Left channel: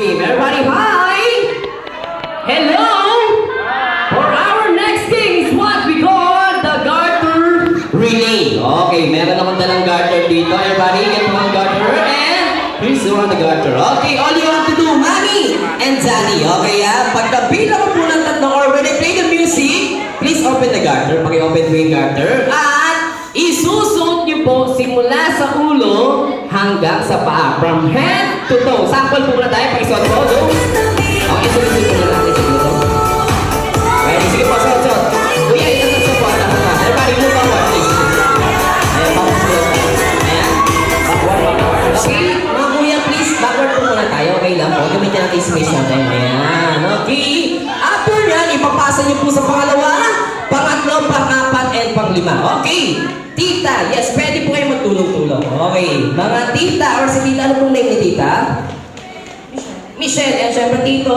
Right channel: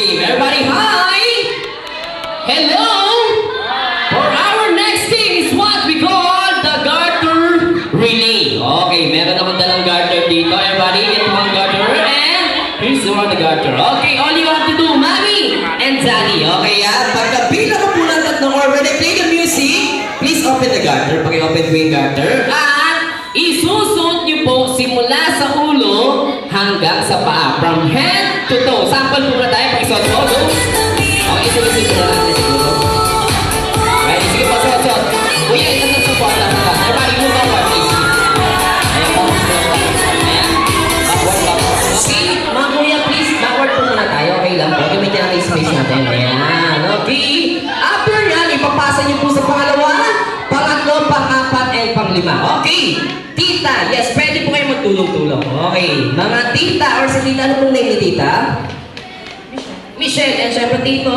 game. Everybody, hi! Hello! For our next game is what we call the garter relay. Okay, meron naman dalang garter dito. Everybody, get one garter and here's the one garter. Okay, all you have to do, Mami and Daddy. Okay, pagkabilang mo po ng tatlong or when I play the music, please open the garter. Pag-i-open mo yung garter. At isusuot niyo po simula sa ulo hanggang sa paa. From head to toe. Sample po na tayo. Pag-isuot po. Okay, isuot na natin siguro. Ready? Sige po, suot. Kuya, ito na po ang lahat. Everybody, move forward, please. Ayan, pag-suot tayo. Ayan. Backward. Okay, mga kuya, please. Backward po muna tayo. Okay lang po. Gamitin natin yung space natin. Ayan. Okay. After yan, ipapasa niyo po sa pangalawa, pangatlo, pang-apat, and pang-lima. Okay. Tita, yes, pwede po kayo magtulong-tulong. Okay. Mga tita, or si tita, ano pong name ni tita? Michelle. And syempre, tito?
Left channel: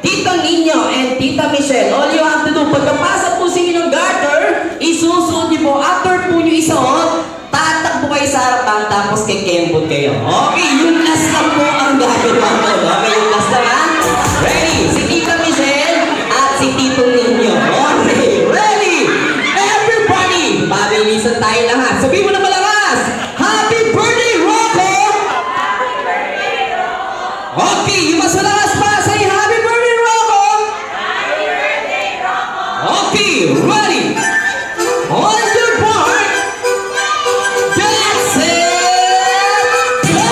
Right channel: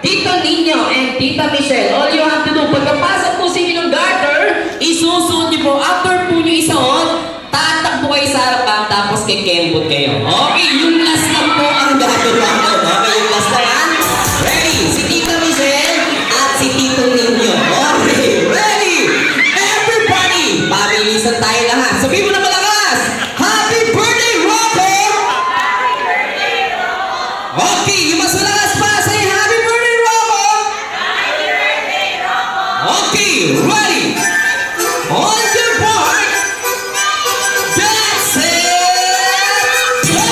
Tito Nino and Tita Michelle. All you have to do, pagkapasok po sa inyo ng garter, isusuot niyo po. After po niyo isuot, tatakbo kayo sa harapan, tapos kikembot kayo. Okay, yung last lang po ang gagawa ko. Okay, yung last lang. Ready? Si Tita Michelle at si Tito Nino. Okay, ready? Everybody, mabilisan tayo lahat. Sabihin mo na malakas. Happy birthday, Rocco! Happy birthday, Rocco! Okay, yung mas malakas pa. Say happy birthday, Rocco! Happy birthday, Rocco! Okay, ready? On your mark. That's it! Go!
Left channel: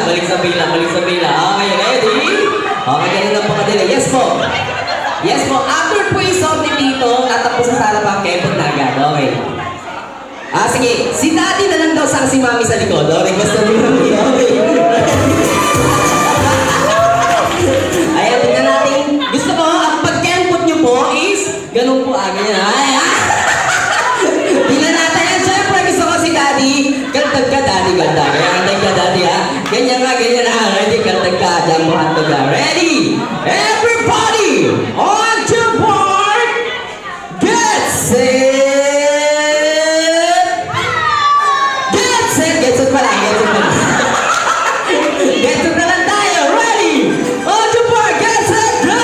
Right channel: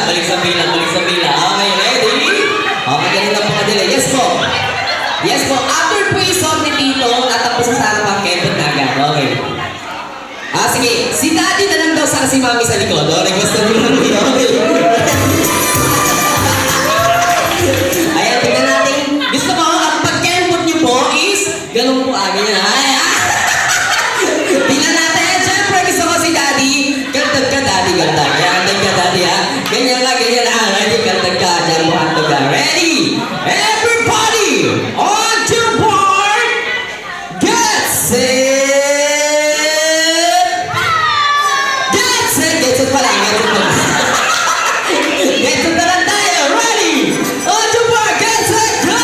Balik sa pila. Okay, ready? Okay, ganun lang po kadali. Yes po. Yes po. After po yung song ni Tito, natapos sa sarapang kempot na agad. Okay. Sige. Si Daddy na lang daw sa si Mami sa likod. Okay, gusto nyo lang yun. Okay. Ayan, tingnan natin. Gusto ko, ang pag-kempot nyo po is, ganun po agad yan. Tingnan natin. Siyempre, gusto ko si Daddy. Kaltag ka, Daddy. Kaltag ka, Daddy, ha? Ganyan na. Ready? Kaltag ka. Diyan mo hatog ka. Ready? Everybody! On to board! Get set! Get set! Get set pa lang. Get set pa lang tayo. Ready? On to board! Get set! Go!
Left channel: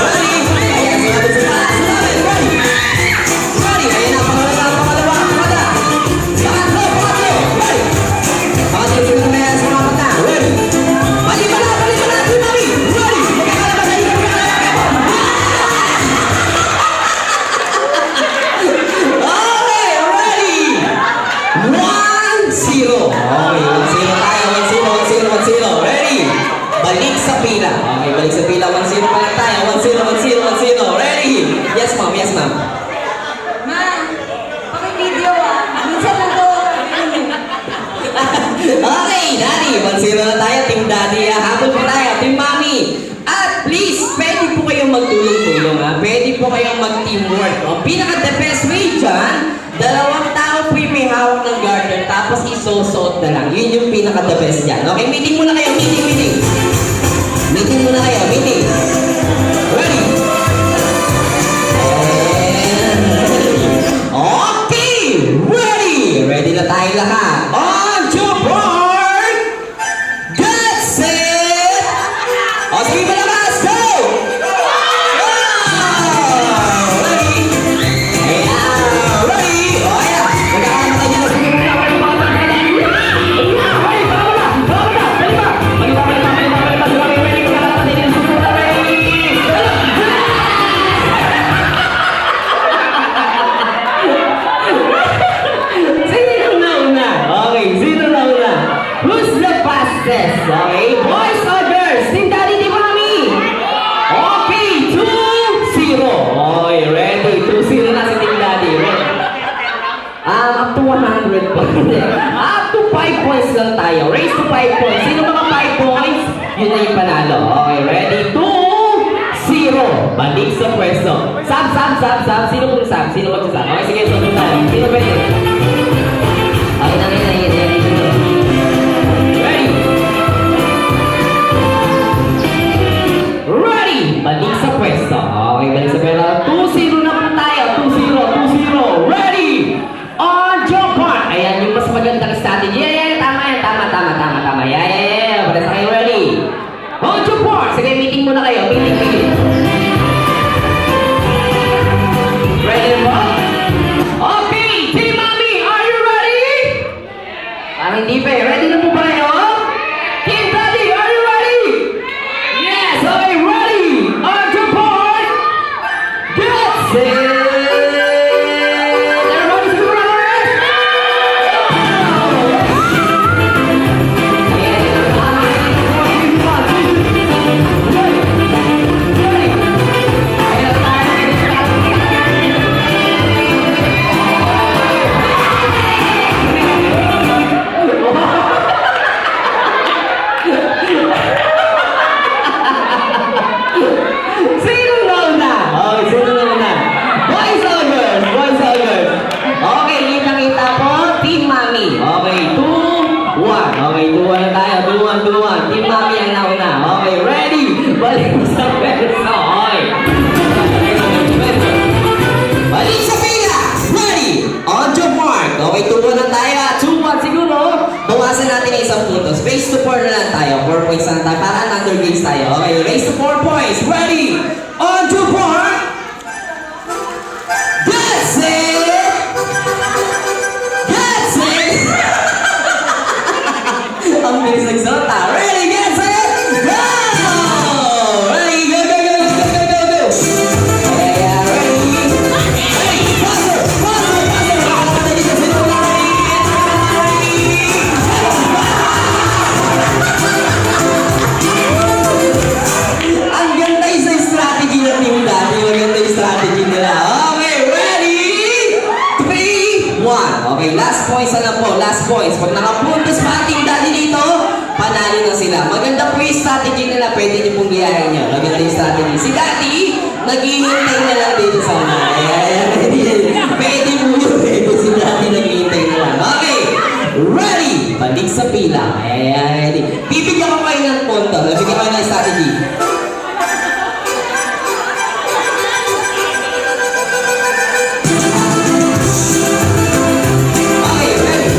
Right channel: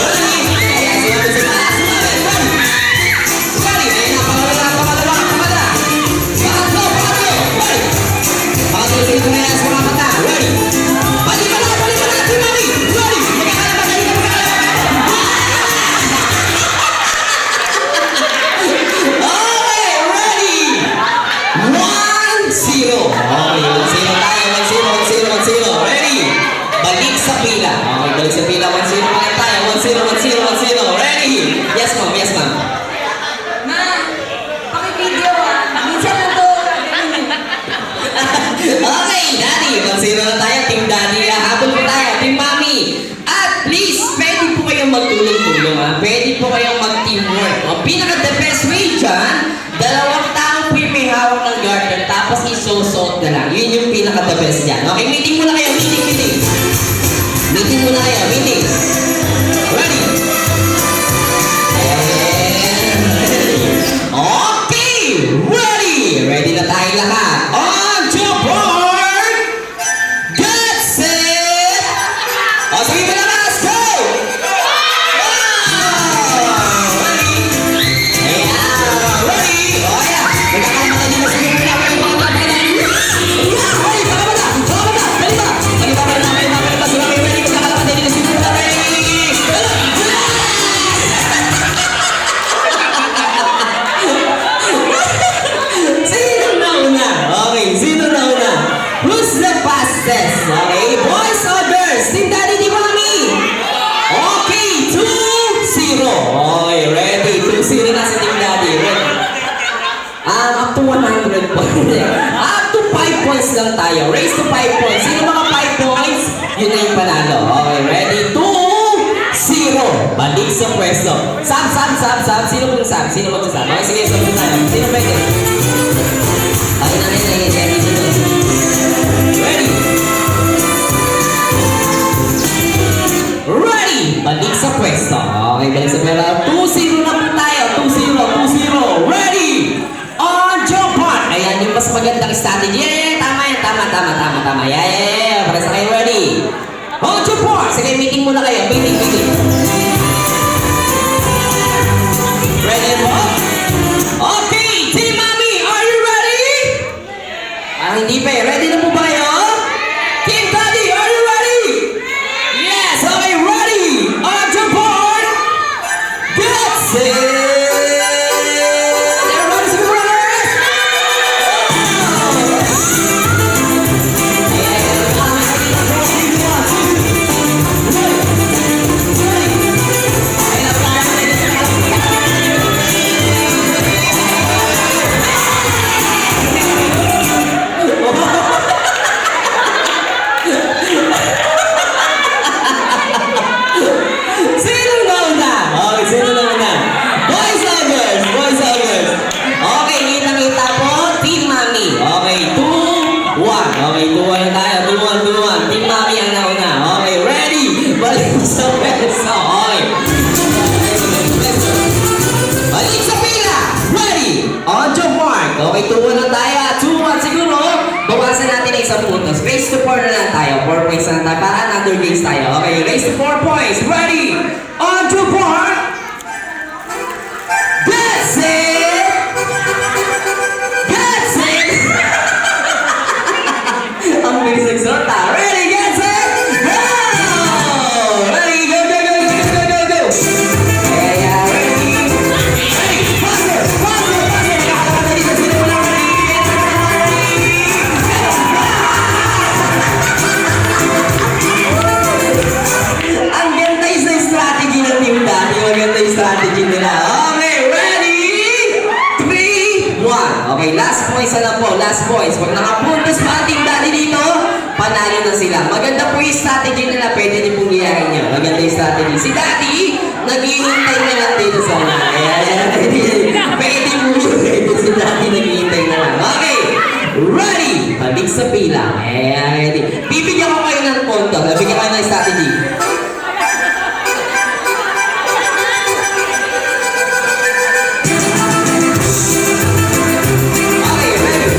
Ready? Ayan, sumabit. Ready? Ayan na. Pangalawa. Pangatlo. Ready? Pangatlo. Sige, tumaya. Sumabit na. Ready? Balik ka na. Team Mami. Ready? Magkakalaban. Okay, ready? 1-0. Okay, 1-0 tayo. 1-0. Ready? Balik sa pila. Okay, balik sa pila. 1-0 pa lang tayo. 1-0. Ready? Yes, ma'am. Ma'am, paki-video. Minsan na to. Okay, Daddy. 1-0 na tayo. Team Daddy. Habol po tayo. Team Mami. At please, pwede po kayong magtulong-tulong. Pwede po kayong mag-teamwork. Pinaka-the best way dyan, dalawang tao po yung may hawak ng garter, tapos isusot na lang. Yun yung pinaka-the best dyan. Okay, meeting muna kayo. Meeting. Meeting muna kayo. Meeting. Ready? Okay! Ready! Ready na tayo lahat. On to board! Get set! O, sige ba naman? Let's go! Ready? Ayan! Ready? O, ayan! Magkakain na tayo. Ready? Balik ba? Up to 5 points lang tayo. Raise to 5 points. Sino mga 5 points? Yun na yung panalo. Okay, ready? 2-0. Balik sa pwesto. Sam. Sino pong Sam? Sino pong Sam? Okay, sige, sunod tayo. Sino pwede? Okay, ready? Ready! Balik sa pwesto. Okay, balik sa pwesto. 2-0 na po tayo. 2-0. Ready! On your part! Ayan, yung mas magandang strategy. Ayan, tama yan. Tama. Yeah. Para sa kayo, ready? On your part! Sige, meeting muna kayo. Meeting. Ready mo? Okay, Team Mami, are you ready? Hindi pa eh. Ready na po ba kayo? Team Daddy, are you ready? Yes, okay, ready? On your part! Get set! Everybody, say brothers! Sino na una? Okay, sino na una? Boys or girls? Okay, kita po, Team Mami. Okay, 2-1. Okay, 2-1 na tayo. 2-1. Team Mami ang nauna. Okay, ready? Balik sa pwesto. Okay. Balik sa pila. Ready? On your mark. Okay, 2-1 na tayo. 2-1 siguro. Bawasan natin na isang puntos. Race to 4 na lang tayo. 4 points na tayo. Para under games tayo. Okay, race to 4 points. Ready? On to 4. Get set. Ang bilis nagsota. Ready, get set, go! Ready, go! Yeah, ready? Faster! Nakakata dito. Sino na ang ganda yung strategy ng team dati. Maganda yung strategy nila. Okay, ready? 3-1. Okay, last points na lang po. Last points. Pag nakapuntos pa ang team dati dito, panalo na sila. Maganda po yung strategy nila. Pwede niyo pong iyahin niyo. Maganda yung strategy. Si Daddy, naghihintay na lang dito sa mga. Pwede po yun. Pwede si Daddy naghihintay na lang. Okay, ready? Balik sa pila. Ready? Bibigyan ko kayo ng punto. Bibigyan ko kayo ng strategy. Okay, ready?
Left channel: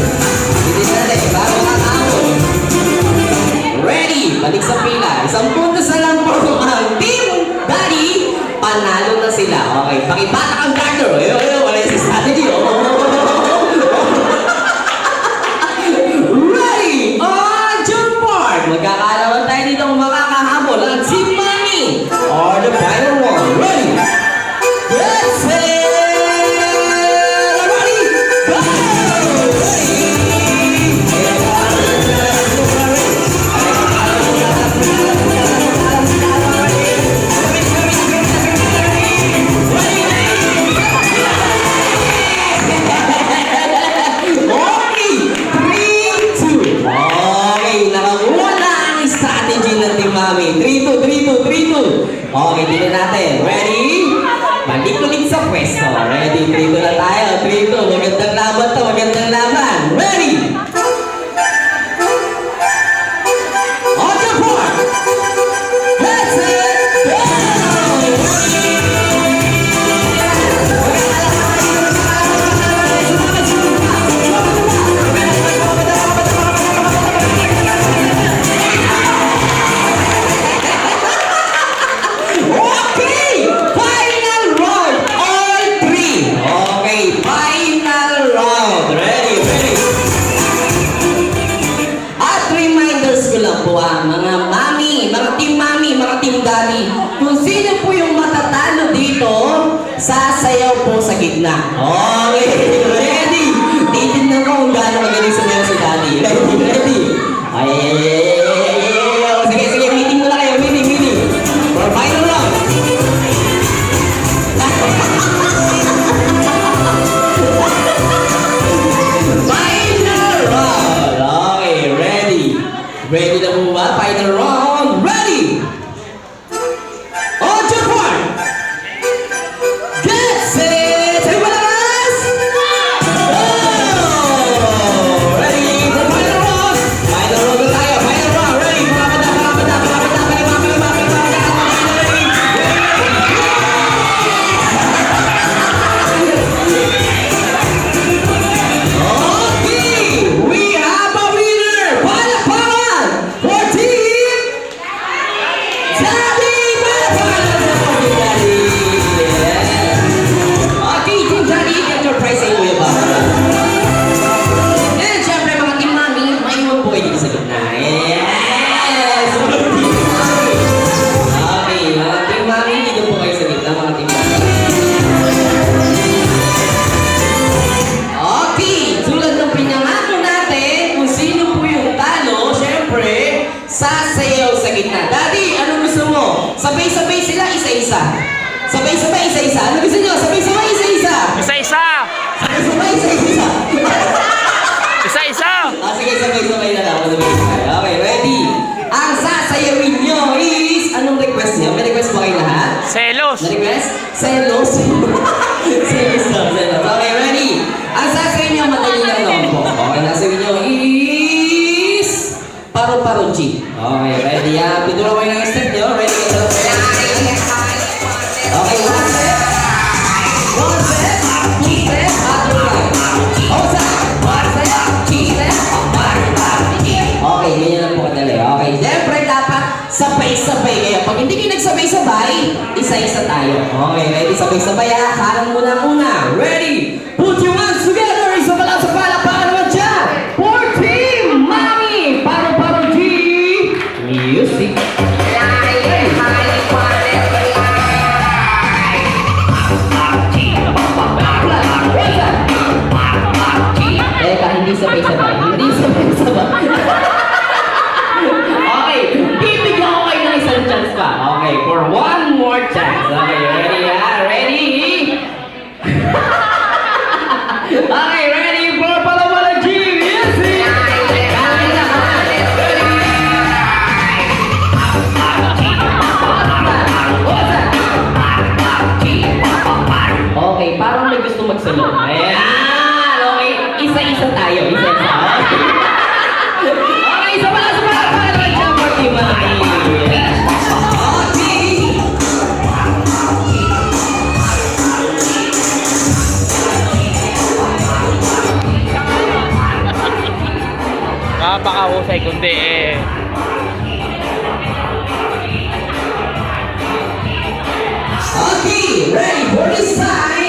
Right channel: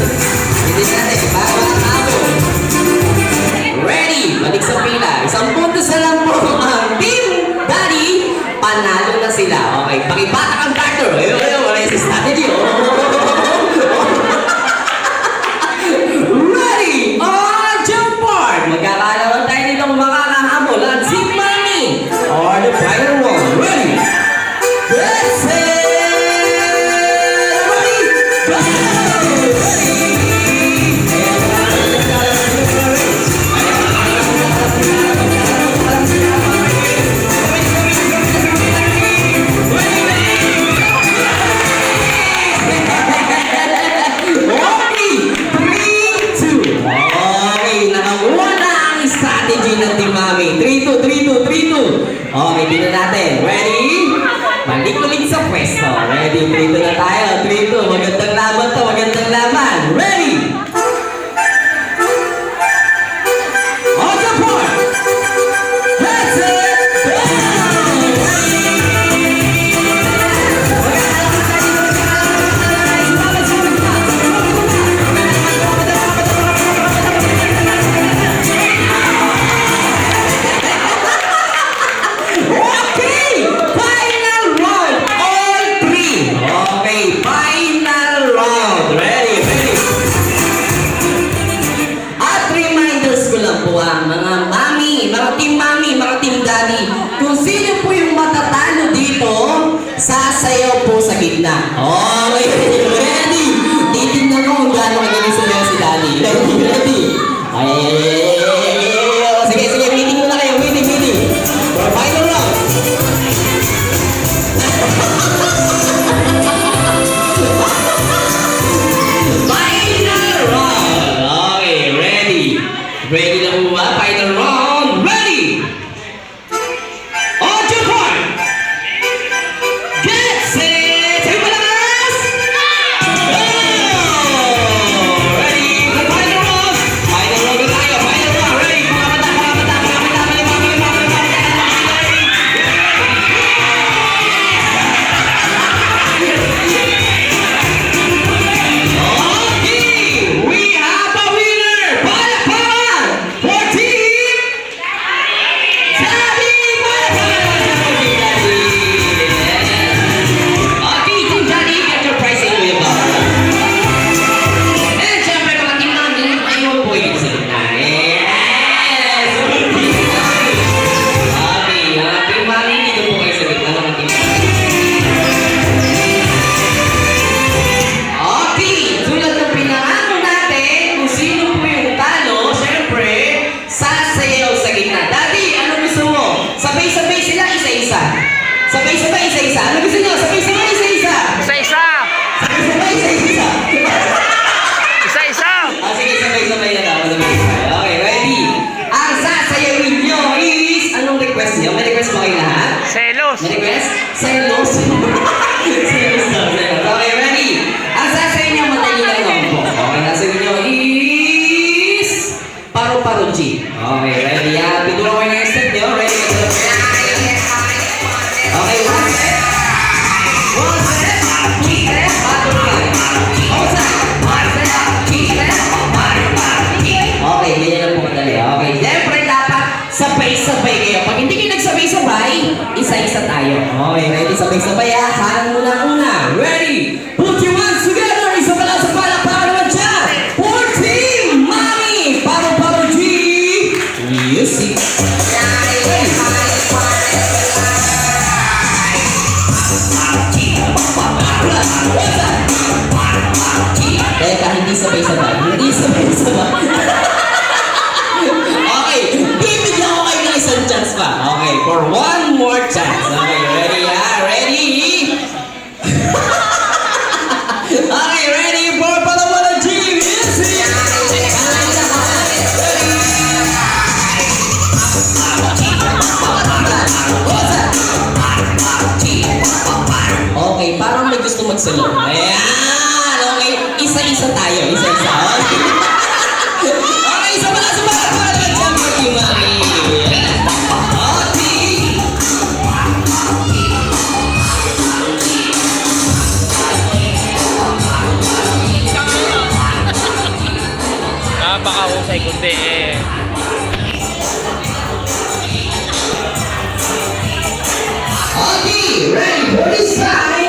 Bilis natin. Bago ang tao. Ready? Balik sa pila. Isang puntos na lang po ang Team Daddy. Panalo na sila. Okay, pakibatak ang garter. Ayun, wala yung strategy. Ready? On your part! Magkakalawan tayo nilang makakahabol ang Team Mami. On the final one. Ready? Get set! Ready? Go! Okay, dito natin. Ready? Balik ulit sa pwesto. Ready? 3-2 na tayo. 3-2. Magandang laban to. Magandang laban. Ready? On your part. Let's go! Okay! Final round! All three! Okay, final round! Ready? At reminders ko lang po ang mga mami, mga team daddy, kung sino po yung matatalo dito, sasayaw po sa gitna. Okay, ready? Titignan ko kung gaano magaling sumayaw si daddy. Ready? Ay. Sige, meeting muna kayo. Meeting. For final round. Final selos. Selos daw, selos. Okay, ready? Ang sasayin niyo, madali lang naman po. Okay, sasayin niyo is... Paru-paro G. Okay, ready? Pitulang ko yung step niyo. Ready? Okay, one step. One step. Two step. Paru-paro. One step. One step. Two step. Paru-paro. Okay, ganyan lang po kadali. Okay, siyempre dapat sabay-sabay kayo. Pag hindi kayo nagsabay-sabay, isa-isa tayo. Okay, ready? Sabay-sabay ha. Kanan muna una. Ready? Put your hands together. Isa pala sa palakpakan naman dyan. For Team Mami. Paru-paro G. Music. Teka, hindi sabay-sabay. Hindi sabay-sabay. Okay, bibigyan ko kayo ng isang chance pa. Okay, for one more chance. Okay, ready ha? Ready? Okay, ready for Paru-paro G. Music. Okay, parang may gusto magsalo. Ayan! Okay, isa-isa tayo. Isa-isa. Okay, isa pala sa mga pangalan dyan for Team Mami. Napakahusay kundi Okay, ready for this time.